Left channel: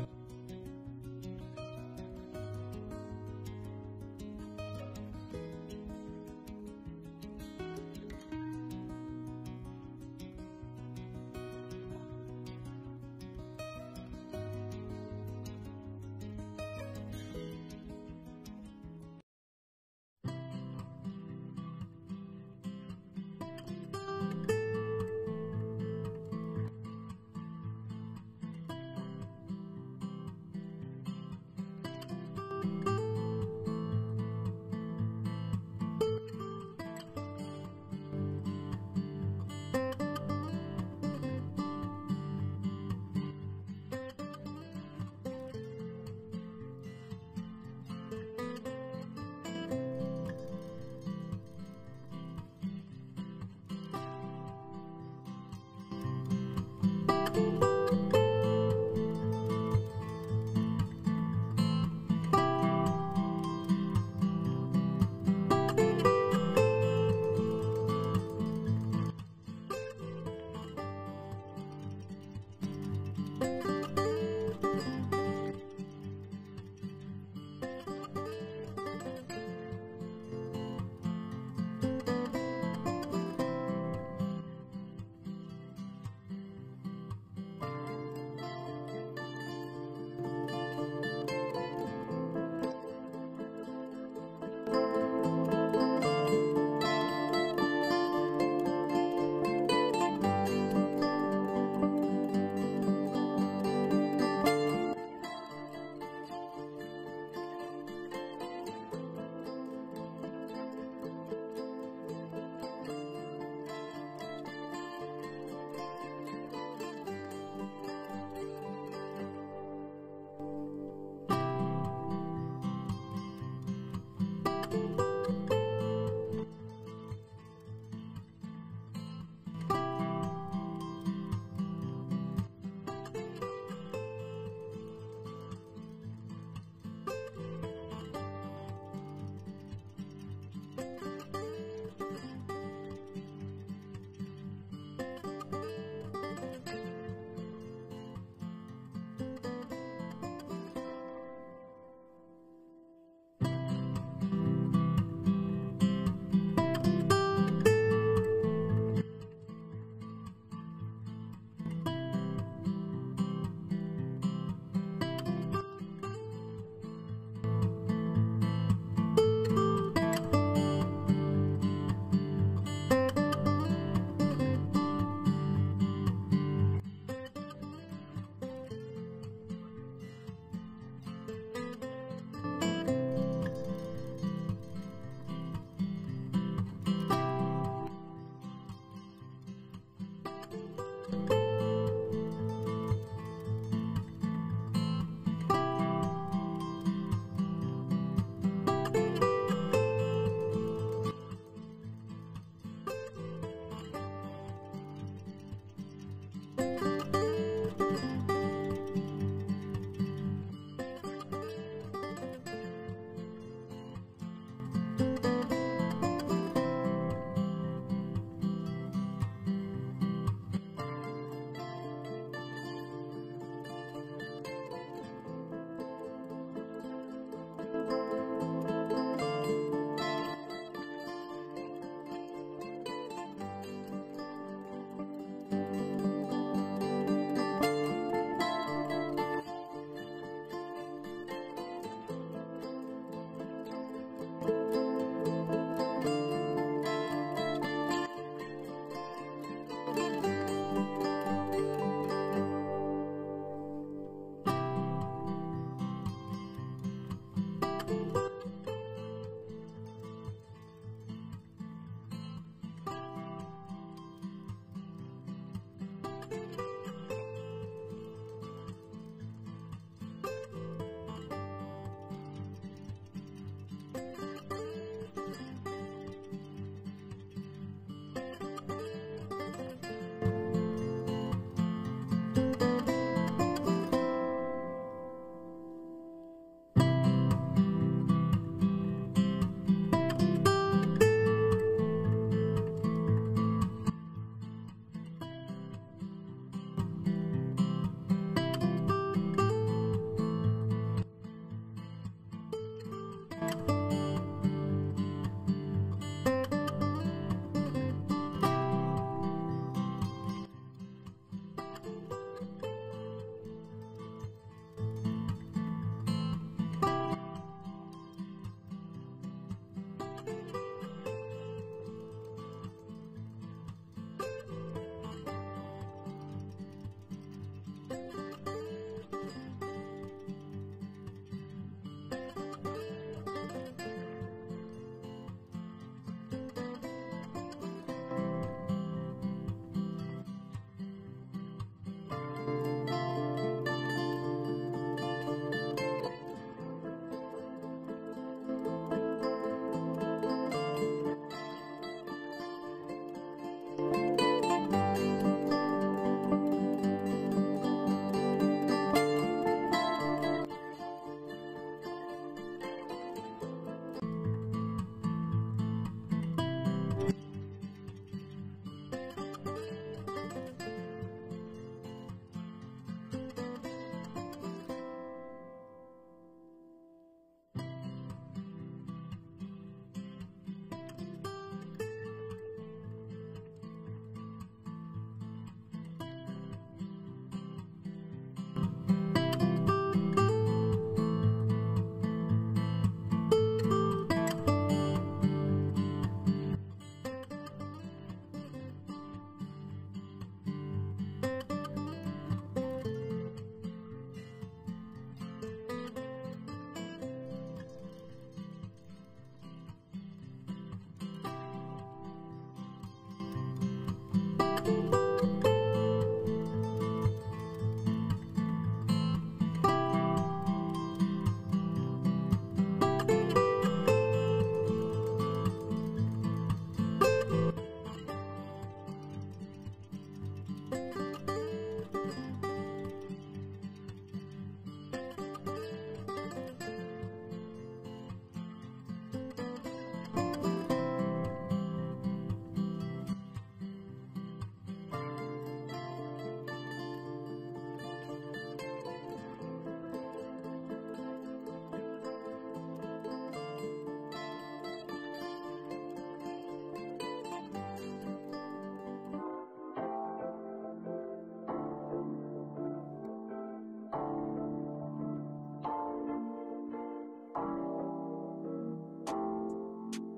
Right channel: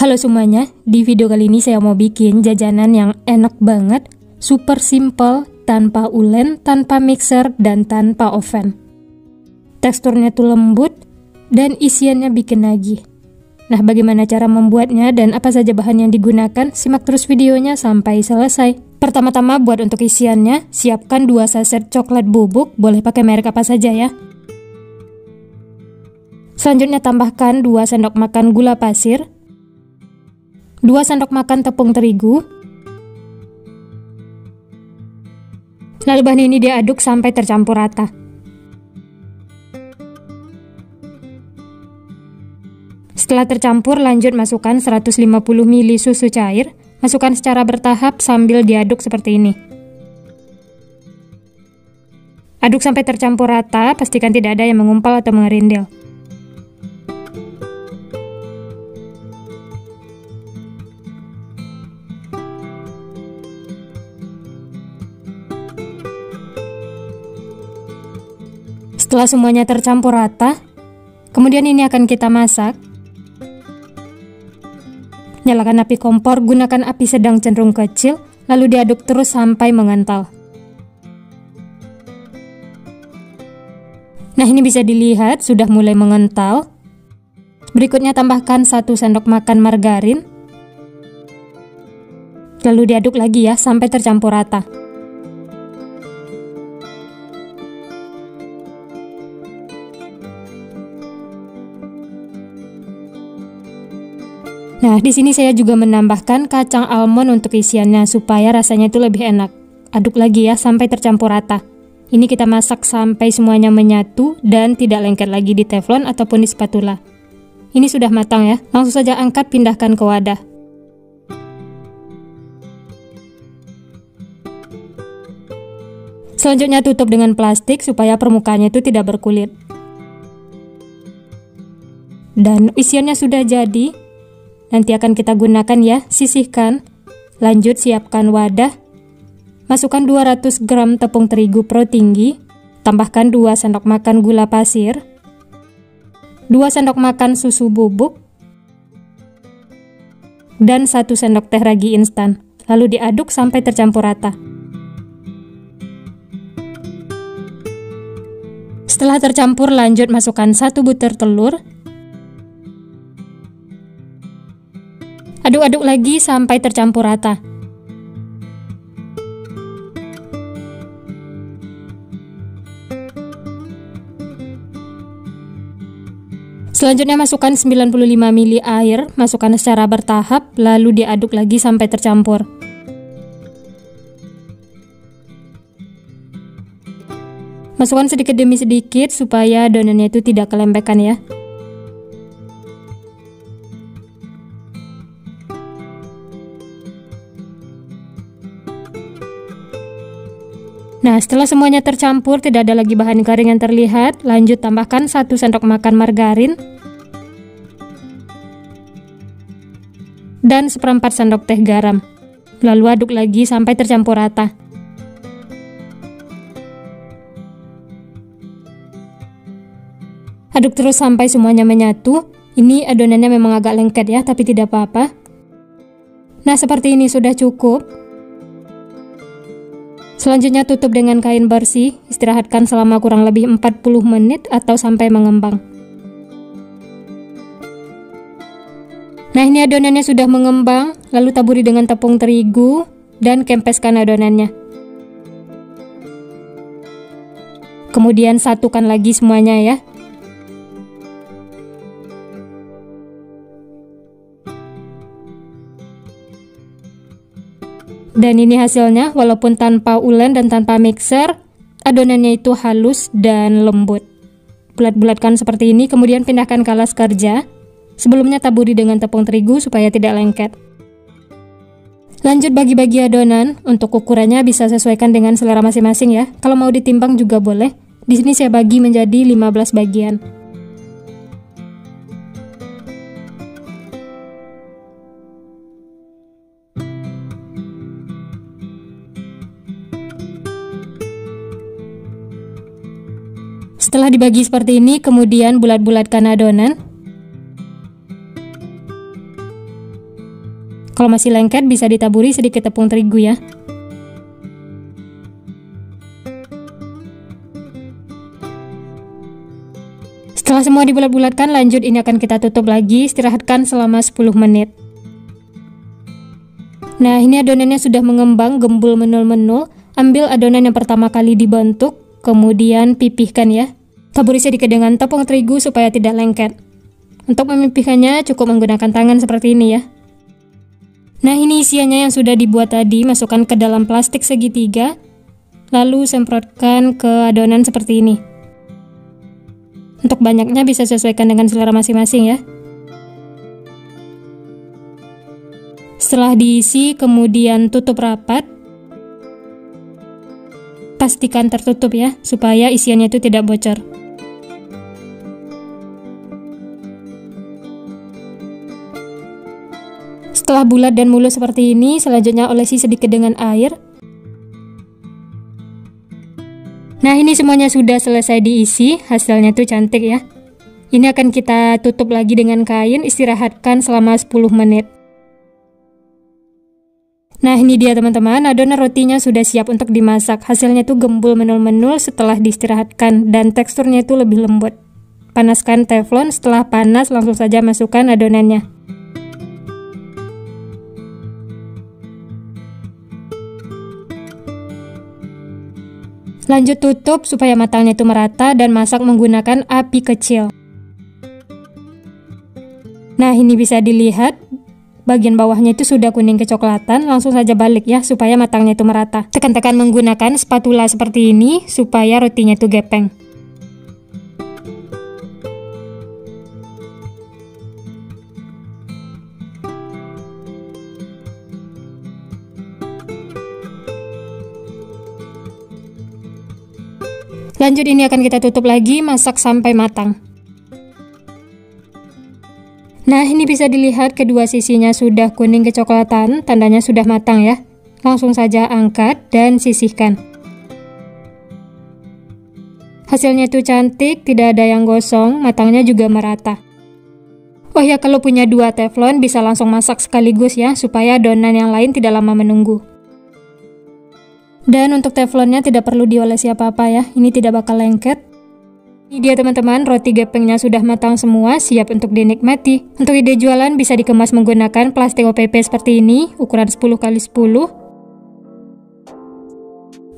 Halo semuanya, di video kali ini saya mau bikin jajanan yang enak banget, super simple, tanpa ulen, tanpa mixer, dan tanpa oven. Teksturnya tuh lembut, dan isiannya bikin nagih. Nah, bagaimana cara membuatnya dan apa saja bahan yang digunakan? Simak terus videonya sampai selesai. Pertama-tama buat untuk isiannya, siapkan 2 saset coklat bubuk, boleh pakai merek apa saja ya. Selanjutnya tambahkan 2 sendok makan gula pasir, 2 sendok makan tepung terigu. Lalu bahan ini diaduk sampai tercampur rata. Setelah tercampur, lanjut masukkan 150 ml susu cair. Masukkan secara bertahap sambil diaduk seperti ini. Aduk sampai tercampur rata, pastikan tidak ada yang mengumpal atau mengerindil. Setelah semuanya tercampur rata, kemudian ini akan kita masak. Nyalakan api kompor, gunakan api sedang cenderung kecil, lalu diaduk terus sampai mengental. Nah, ini bisa dilihat sudah mulai mengental. Berikutnya tambahkan 1 sendok makan margarin. Lalu diaduk lagi ya sampai tercampur rata. Nah, di sini saya juga menambahkan kacang almond untuk isiannya supaya rasanya itu lebih enak. Aduk lagi ya sampai tercampur rata. Ini kita masak sampai semuanya menyatu dan tidak lengket lagi di teflon ataupun di spatula. Ini sudah matang ya. Langsung saja angkat, pindahkan ke wadah. Selanjutnya tutup dengan plastik supaya permukaannya itu tidak berkulit. Dan isiannya sudah jadi. Nanti akan kita gunakan ya, sisihkan. Lanjut siapkan wadah. Masukkan 200 gram tepung terigu pro tinggi. Tambahkan 2 sendok makan gula pasir. 2 sendok makan susu bubuk. Dan 1 sendok teh ragi instan. Lalu diaduk sampai tercampur rata. Setelah tercampur, lanjut masukkan 1 butir telur. Aduk-aduk lagi sampai tercampur rata. Selanjutnya masukkan 95 ml air, masukkan secara bertahap, lalu diaduk lagi sampai tercampur. Masukkan sedikit demi sedikit supaya adonannya itu tidak kelembekan ya. Nah, setelah semuanya tercampur, tidak ada lagi bahan garing yang terlihat, lanjut tambahkan 1 sendok makan margarin dan 1/4 sendok teh garam. Lalu aduk lagi sampai tercampur rata. Aduk terus sampai semuanya menyatu. Ini adonannya memang agak lengket ya, tapi tidak apa-apa. Nah, seperti ini sudah cukup. Selanjutnya tutup dengan kain bersih, istirahatkan selama kurang lebih 40 menit atau sampai mengembang. Nah, ini adonannya sudah mengembang, lalu taburi dengan tepung terigu dan kempeskan adonannya. Kemudian satukan lagi semuanya ya. Dan ini hasilnya, walaupun tanpa ulen dan tanpa mixer, adonannya itu halus dan lembut. Bulat-bulatkan seperti ini, kemudian pindahkan ke alas kerja. Sebelumnya taburi dengan tepung terigu supaya tidak lengket. Lanjut bagi-bagi adonan, untuk ukurannya bisa sesuaikan dengan selera masing-masing ya. Kalau mau ditimbang juga boleh. Di sini saya bagi menjadi 15 bagian. Setelah dibagi seperti ini, kemudian bulat-bulatkan adonan. Kalau masih lengket bisa ditaburi sedikit tepung terigu ya. Setelah semua dibulat-bulatkan, lanjut ini akan kita tutup lagi, istirahatkan selama 10 menit. Nah, ini adonannya sudah mengembang, gembul menul-menul. Ambil adonan yang pertama kali dibentuk, kemudian pipihkan ya. Taburi sedikit dengan tepung terigu supaya tidak lengket. Untuk memipihkannya cukup menggunakan tangan seperti ini ya. Nah, ini isiannya yang sudah dibuat tadi, masukkan ke dalam plastik segitiga, lalu semprotkan ke adonan seperti ini. Untuk banyaknya bisa sesuaikan dengan selera masing-masing ya. Setelah diisi, kemudian tutup rapat. Pastikan tertutup ya, supaya isiannya itu tidak bocor. Setelah bulat dan mulus seperti ini, selanjutnya olesi sedikit dengan air. Nah, ini semuanya sudah selesai diisi, hasilnya tuh cantik ya. Ini akan kita tutup lagi dengan kain, istirahatkan selama 10 menit. Nah, ini dia teman-teman, adonan rotinya sudah siap untuk dimasak. Hasilnya tuh gembul menul-menul setelah diistirahatkan dan teksturnya itu lebih lembut. Panaskan teflon, setelah panas langsung saja masukkan adonannya. Lanjut tutup supaya matangnya itu merata dan masak menggunakan api kecil. Nah, ini bisa dilihat bagian bawahnya itu sudah kuning kecoklatan, langsung saja balik ya supaya matangnya itu merata. Tekan-tekan menggunakan spatula seperti ini supaya rotinya itu gepeng. Lanjut ini akan kita tutup lagi, masak sampai matang. Nah, ini bisa dilihat kedua sisinya sudah kuning kecoklatan, tandanya sudah matang ya. Langsung saja angkat dan sisihkan. Hasilnya itu cantik, tidak ada yang gosong, matangnya juga merata. Oh ya, kalau punya 2 teflon bisa langsung masak sekaligus ya, supaya adonan yang lain tidak lama menunggu. Dan untuk teflonnya tidak perlu diolesi apa-apa ya, ini tidak bakal lengket. Ini dia teman-teman, roti gepengnya sudah matang semua, siap untuk dinikmati. Untuk ide jualan bisa dikemas menggunakan plastik OPP seperti ini, ukuran 10x10.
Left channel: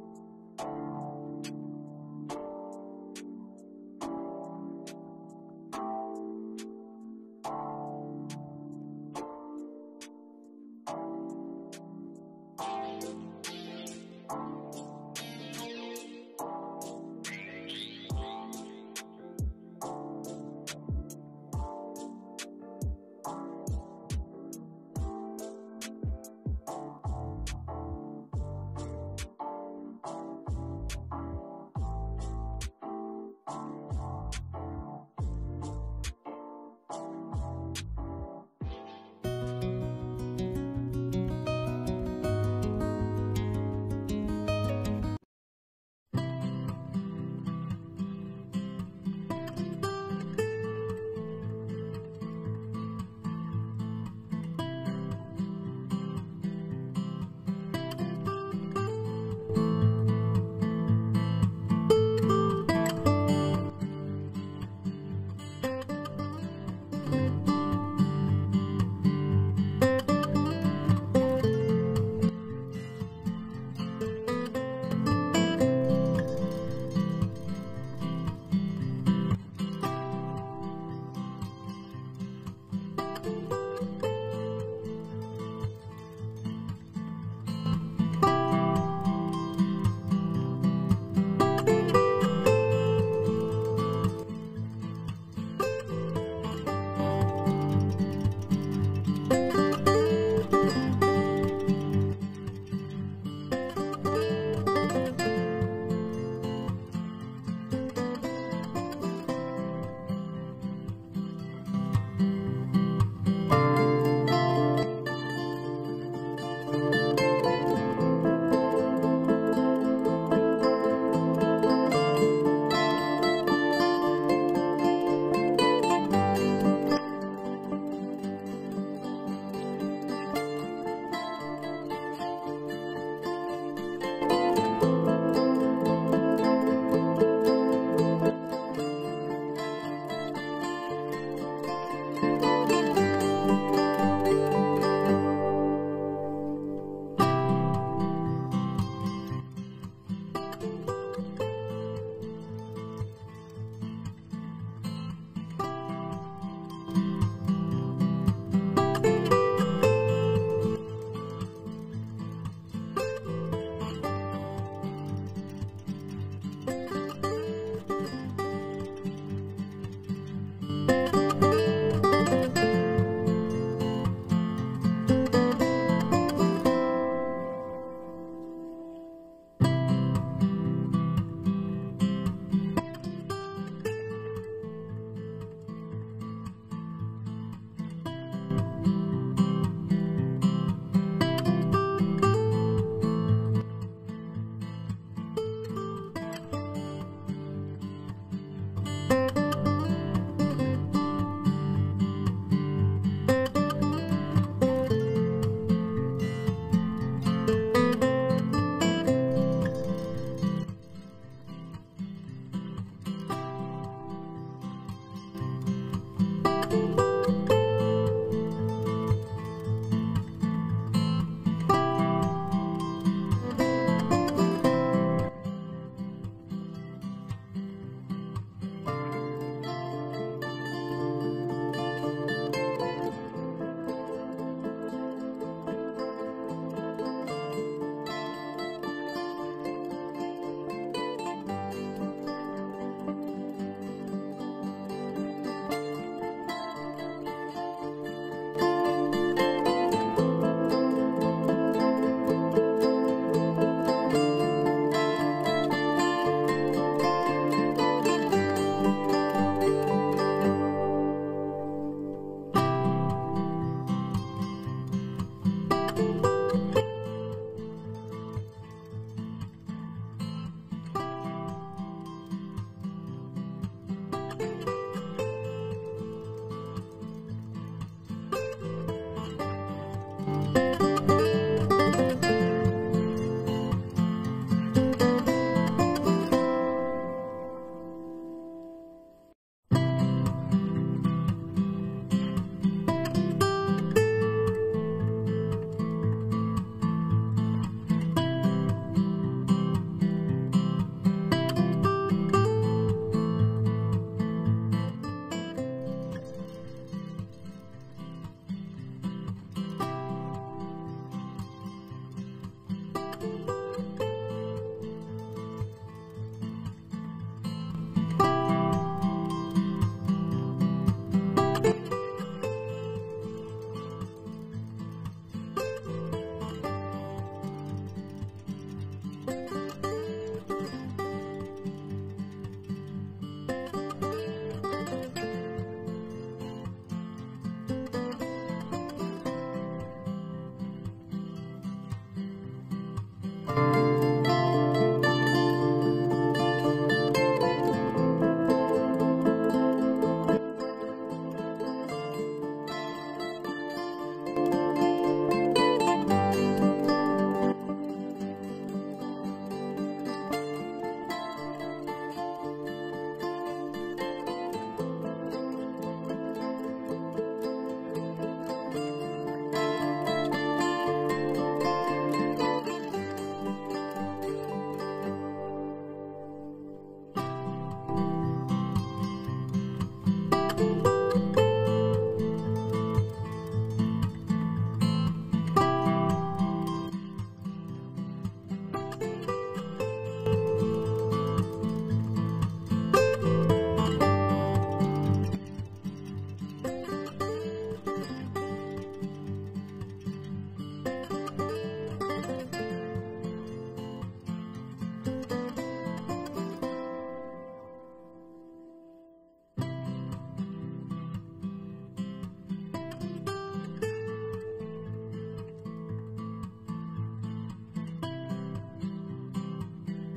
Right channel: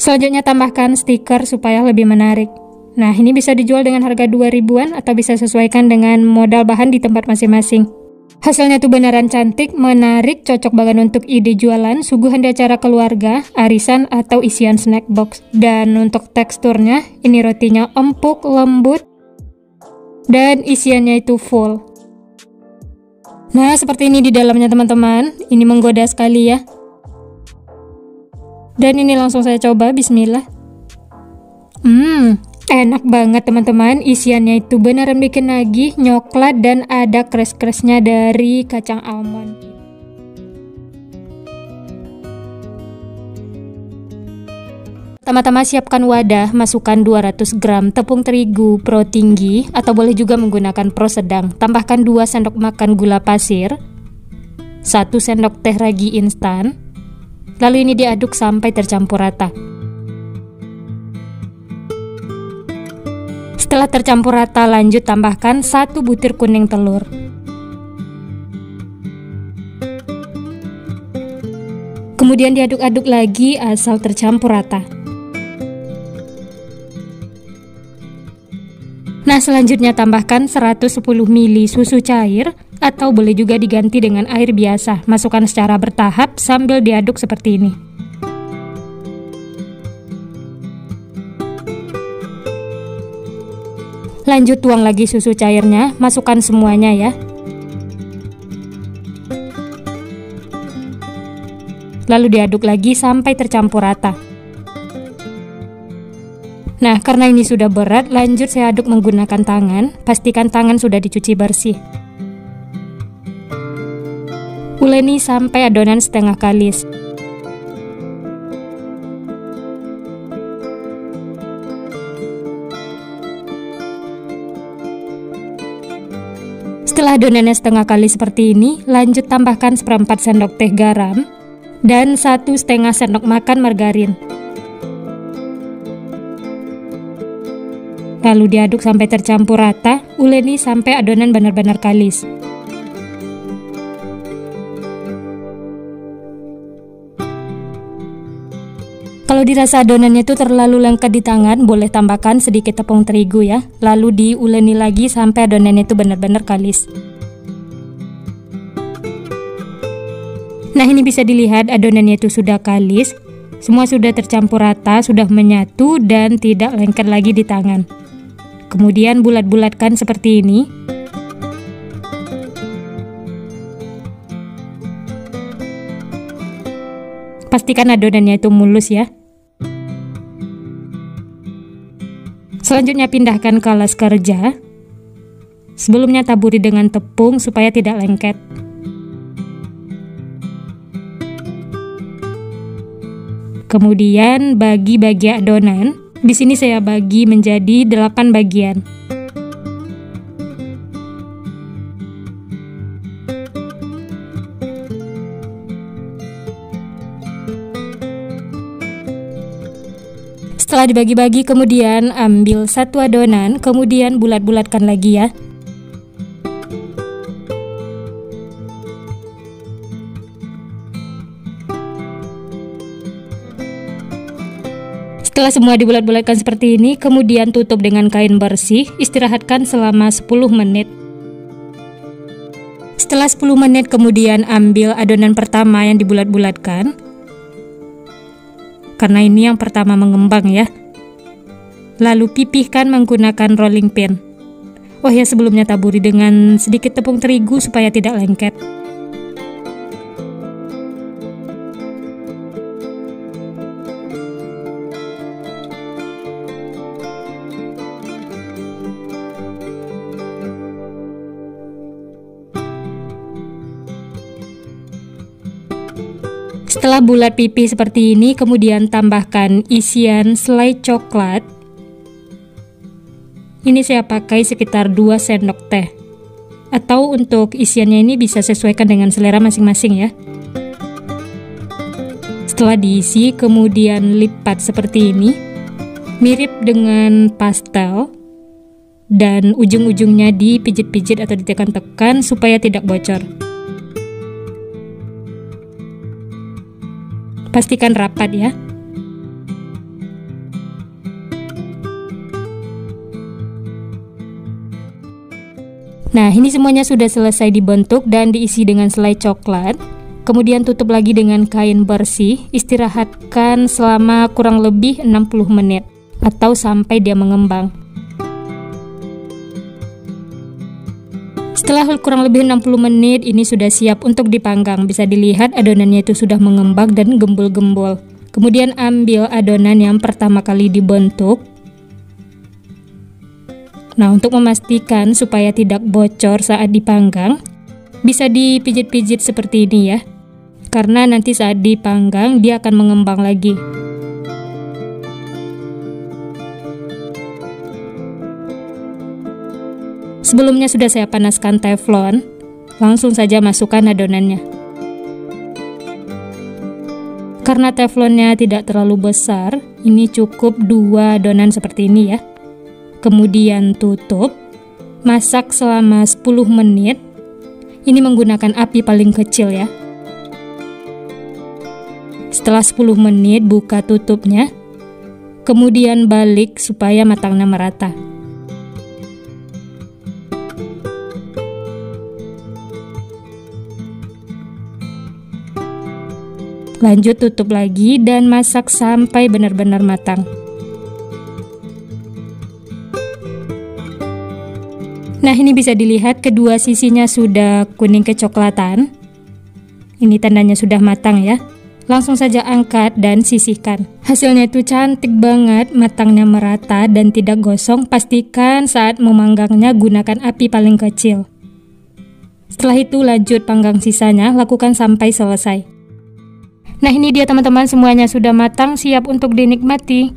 Selanjutnya tambahkan stiker supaya lebih menarik. Nah, ini bisa dijual dengan harga 2 ribuan atau bisa sesuaikan dengan modal bahan di tempat masing-masing. Hasilnya tuh beneran cantik, menarik, cocok banget untuk ide jualan, suguhan di acara keluarga, arisan, atau isian snack box. Dan untuk teksturnya, ini rotinya empuk, lembut, dan isiannya itu full. Nah, seperti ini di dalamnya teman-teman, ini menggoda sekali ya. Dan ini langsung saya coba, bismillah. Enak banget teman-teman, isiannya itu beneran bikin nagih, nyoklat dan ada crush-crushnya dari kacang almond. Pertama-tama siapkan wadah, masukkan 200 gram tepung terigu pro tinggi atau boleh juga menggunakan pro sedang. Tambahkan 2 sendok makan gula pasir, 1 sendok teh ragi instan. Lalu ini diaduk sampai tercampur rata. Setelah tercampur rata, lanjut tambahkan 1 butir kuning telur. Kemudian diaduk-aduk lagi asal tercampur rata. Nah, selanjutnya tambahkan 110 ml susu cair atau boleh juga diganti dengan air biasa. Masukkan secara bertahap sambil diaduk seperti ini. Lanjut tuang lagi susu cairnya, masukkan semuanya ya. Lalu diaduk lagi sampai tercampur rata. Nah, karena ini sudah berat, lanjut saya aduk menggunakan tangan. Pastikan tangan sudah dicuci bersih. Uleni sampai adonan setengah kalis. Setelah adonannya setengah kali seperti ini, lanjut tambahkan 1/4 sendok teh garam dan 1,5 sendok makan margarin. Lalu diaduk sampai tercampur rata, uleni sampai adonan benar-benar kalis. Kalau dirasa adonannya itu terlalu lengket di tangan, boleh tambahkan sedikit tepung terigu ya. Lalu diuleni lagi sampai adonannya itu benar-benar kalis. Nah, ini bisa dilihat adonannya itu sudah kalis. Semua sudah tercampur rata, sudah menyatu dan tidak lengket lagi di tangan. Kemudian bulat-bulatkan seperti ini. Pastikan adonannya itu mulus ya. Selanjutnya pindahkan ke alas kerja. Sebelumnya taburi dengan tepung supaya tidak lengket. Kemudian bagi adonan. Di sini saya bagi menjadi 8 bagian. Setelah dibagi-bagi, kemudian ambil satu adonan, kemudian bulat-bulatkan lagi ya. Setelah semua dibulat-bulatkan seperti ini, kemudian tutup dengan kain bersih, istirahatkan selama 10 menit. Setelah 10 menit, kemudian ambil adonan pertama yang dibulat-bulatkan. Karena ini yang pertama mengembang ya. Lalu pipihkan menggunakan rolling pin. Oh ya, sebelumnya taburi dengan sedikit tepung terigu supaya tidak lengket. Setelah bulat pipih seperti ini, kemudian tambahkan isian selai coklat. Ini saya pakai sekitar 2 sendok teh. Atau untuk isiannya ini bisa sesuaikan dengan selera masing-masing ya. Setelah diisi, kemudian lipat seperti ini. Mirip dengan pastel. Dan ujung-ujungnya dipijit-pijit atau ditekan-tekan supaya tidak bocor. Pastikan rapat ya. Nah, ini semuanya sudah selesai dibentuk dan diisi dengan selai coklat. Kemudian tutup lagi dengan kain bersih, istirahatkan selama kurang lebih 60 menit atau sampai dia mengembang. Setelah kurang lebih 60 menit, ini sudah siap untuk dipanggang. Bisa dilihat adonannya itu sudah mengembang dan gembul-gembul. Kemudian ambil adonan yang pertama kali dibentuk. Nah, untuk memastikan supaya tidak bocor saat dipanggang, bisa dipijit-pijit seperti ini ya. Karena nanti saat dipanggang, dia akan mengembang lagi. Sebelumnya sudah saya panaskan teflon, langsung saja masukkan adonannya. Karena teflonnya tidak terlalu besar, ini cukup 2 adonan seperti ini ya. Kemudian tutup, masak selama 10 menit. Ini menggunakan api paling kecil ya. Setelah 10 menit, buka tutupnya, kemudian balik supaya matangnya merata. Lanjut tutup lagi dan masak sampai benar-benar matang. Nah, ini bisa dilihat kedua sisinya sudah kuning kecoklatan. Ini tandanya sudah matang ya. Langsung saja angkat dan sisihkan. Hasilnya itu cantik banget, matangnya merata dan tidak gosong. Pastikan saat memanggangnya gunakan api paling kecil. Setelah itu lanjut panggang sisanya, lakukan sampai selesai. Nah, ini dia teman-teman, semuanya sudah matang, siap untuk dinikmati.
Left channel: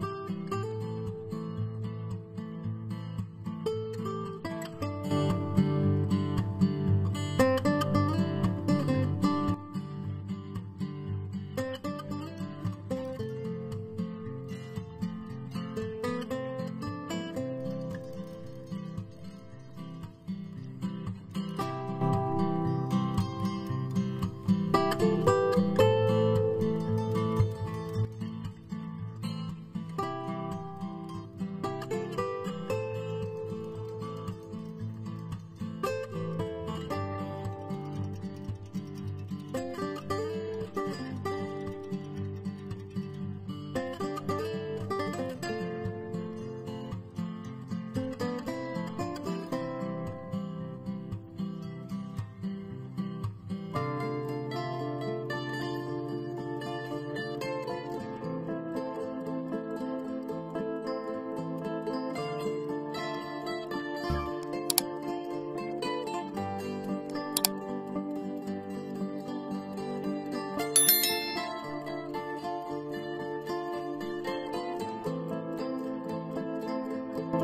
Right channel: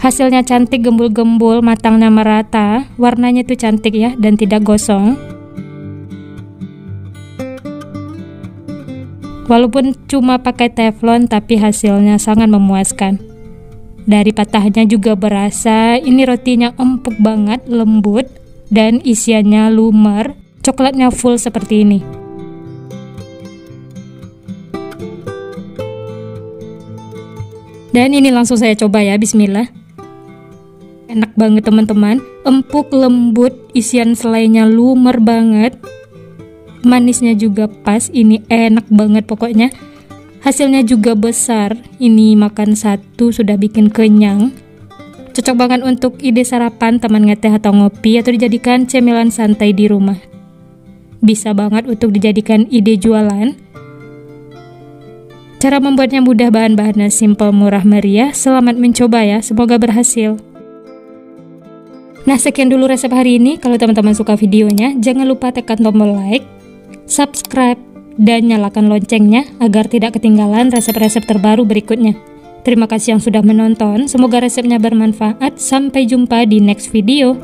Hasilnya cantik, gembul-gembul, matangnya merata, warnanya tuh cantik ya dan tidak gosong. Walaupun cuma pakai teflon, tapi hasilnya sangat memuaskan. Dari patahnya juga berasa ini rotinya empuk banget, lembut, dan isiannya lumer, coklatnya full seperti ini. Dan ini langsung saya coba ya, bismillah. Enak banget teman-teman, empuk, lembut, isian selainya lumer banget. Manisnya juga pas, ini enak banget pokoknya. Hasilnya juga besar, ini makan satu sudah bikin kenyang. Cocok banget untuk ide sarapan, teman ngeteh atau ngopi, atau dijadikan cemilan santai di rumah. Bisa banget untuk dijadikan ide jualan. Cara membuatnya mudah, bahan-bahannya simple, murah meriah. Selamat mencoba ya, semoga berhasil. Nah, sekian dulu resep hari ini. Kalau teman-teman suka videonya, jangan lupa tekan tombol like, subscribe, dan nyalakan loncengnya agar tidak ketinggalan resep-resep terbaru berikutnya. Terima kasih yang sudah menonton, semoga resepnya bermanfaat. Sampai jumpa di next video.